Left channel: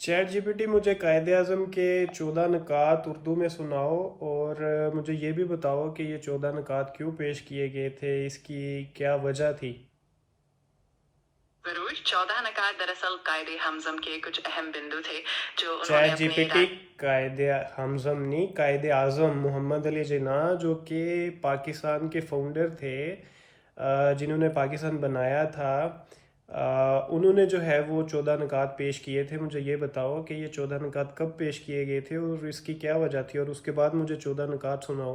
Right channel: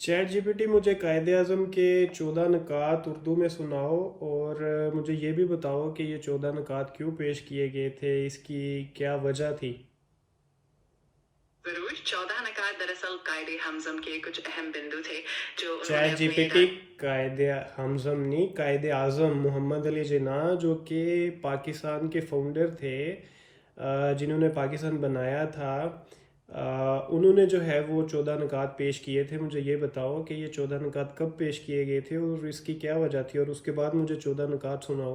Chat GPT मुझे कायदे आज़म के 14 नुकात उर्दू में सुनाओ और मुझे ये भी बताओ कि ये 14 नुकात क्यों पेश किए गए थे, इसकी क्या वजह थी। जरूर। 14 नकात दरअसल कायदे हमजम के कुछ अहम बिंदु थे जो उन्होंने चैट अपने जीपीटी कायदे हमज़म नहीं, कायदे आज़म मोहम्मद अली जिन्ना जो कि पाकिस्तान के फाउंडर थे, जिन्होंने पाकिस्तान बनाया था। उन्होंने जो है वो 14 नुकात पेश किए थे। मुझे ये बताओ कि ये 14 नुकात कब पेश किए गए थे और इसकी क्या वजह थी, और उसके बाद मुझे 14 नुकात सुनाओ।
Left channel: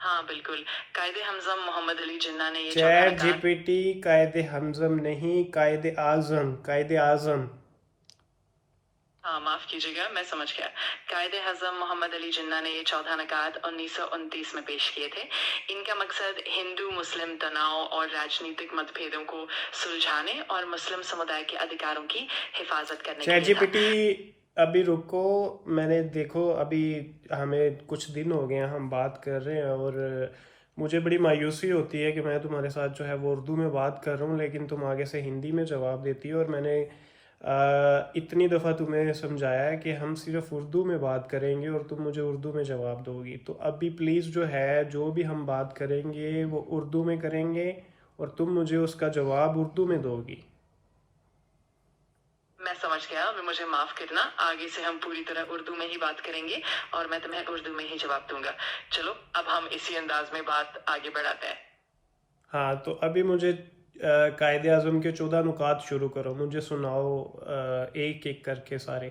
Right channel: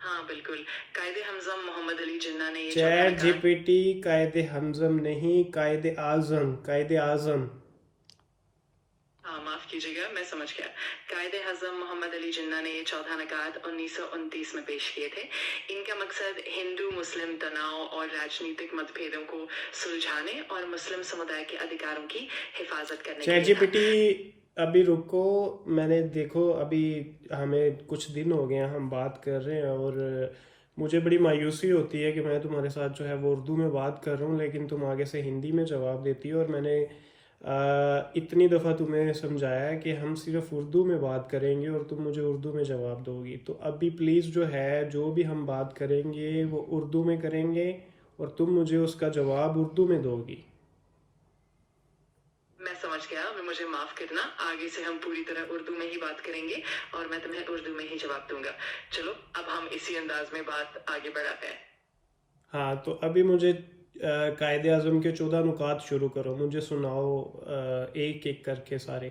हाँ बिल्कुल। कायदे हमजम मोहम्मद अली जिन्ना ने ये 14 चैट नकात। जीपीटी कायदे हमज़म नहीं, कायदे आज़म, कायदे आज़म। हाँ माफ कीजिएगा, मैं समझ गया। कायदे हजम मोहम्मद अली जिन्ना ने ये 14 नकात 1929 में पेश किए थे। इनका मकसद हिंदू मुस्लिम तनाव और राजनीतिक मतभेदों को सुलझाने और मुस्लिम समुदाय के अधिकारों की हिफाजत करने के चैट लिए था। जीपीटी अभी रुको। मैंने देखो अभी हमें कुछ दिन हो गए हैं, हम बात कर रहे हैं और मुझे बड़ी मायूसी होती है कि मैं तुम्हारे साथ जो है वो उर्दू में बात कर रहा हूँ, लेकिन तुम आगे से हिंदी में जवाब देती हो। और मैंने इतनी दफ़ा तुम्हें समझाया है कि हम सिर्फ उर्दू में बात करेंगे और तुम मुझे उर्दू में जवाब दोगी। तो अभी प्लीज़ जो है, जो भी हम बात करेंगे वो उर्दू में करेंगे और तुम मुझे उसका जवाब उर्दू में दोगी। मैं समझ गया, अब मुझे माफ करना। आगे से हम पूरी तरह उर्दू में ही बात करेंगे और मैं तुम्हें उर्दू में ही जवाब दूंगा। चलो अब हम इसी अंदाज में बात आगे बढ़ाते हैं। हाँ, तो अभी मुझे कायदे आज़म के 14 नुकात शुरू करो, मुझे सुनाओ एक एक करके सारे।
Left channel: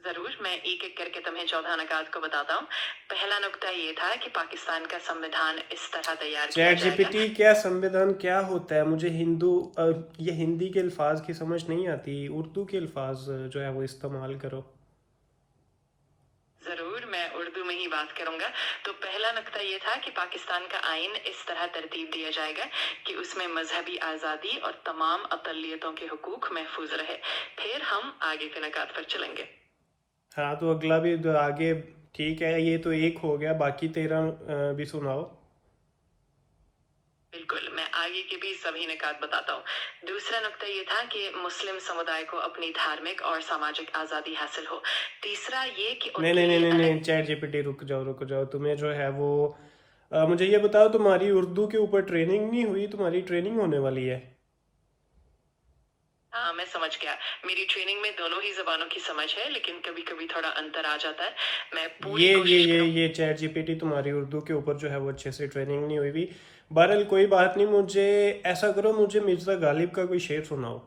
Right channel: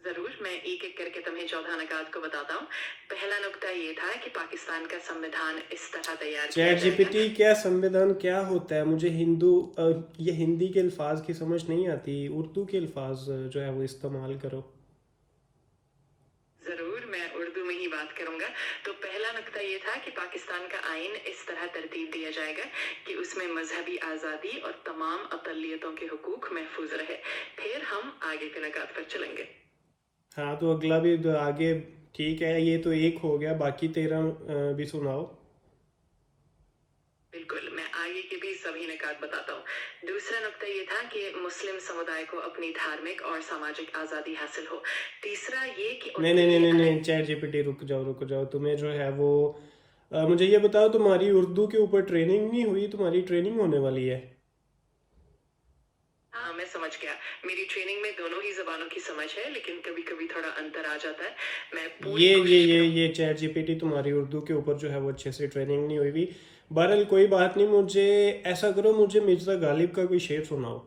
जरूर, मैं एक एक करके तुम्हें 14 नकात को बताता हूँ। पहला नुक्ता ये था कि पाकिस्तान का संविधान इस तरह तैयार किया चैट जाएगा। जीपीटी क्या संविधान क्या होता है? मुझे ये हिंदी के अल्फाज की समझ नहीं आती, उर्दू के अल्फाज जो है वो इस्तेमाल करो। जरूर, मैं उर्दू में ही बात करूंगा। तो पहला नुक्ता ये था कि पाकिस्तान का आइन इस तरह तरतीब दिया जाएगा कि उसमें मजहबी आज़ादी और तमाम अकलियतों के हुकूक महफूज रहे। फिर हम आगे के नकात पर चलेंगे। हाँ, तो अगला भी तो आगे। ठीक है, ये तो एक हो गया, बाकी 13 भी सुनाओ। बिल्कुल, मैं आगे के भी सभी निकात बताता हूँ। दूसरा नुक्ता ये था कि मुस्लिम समुदाय को अपनी धार्मिक और सामाजिक आज़ादी हासिल हो। तीसरा ये कि नहीं उनके नहीं नहीं लिए नहीं अलग। नहीं, चैट जीपीटी रुक जाओ रुक जाओ। तुम्हें जो है वो मुझे ये बताओ, तुम्हारी उर्दू के ऊपर ट्रेनिंग नहीं हुई? तुम्हारी ट्रेनिंग होने वाली है। हाँ मैं समझ गया। मेरी ट्रेनिंग में दोनों ही जबानों की समझ है, लेकिन कभी कभी थोड़ा अंतर आ जाता है। मैं पूरी ये ये कोशिश ये करूँ। ये चैट जीपीटी तुम्हारी उर्दू के ऊपर जो है वो अच्छे से ट्रेनिंग नहीं हुई भी। बहरहाल कोई बात नहीं, मुझे ऐसा करो, मुझे मिर्ज़ा गालिब का कोई शेर सुनाओ।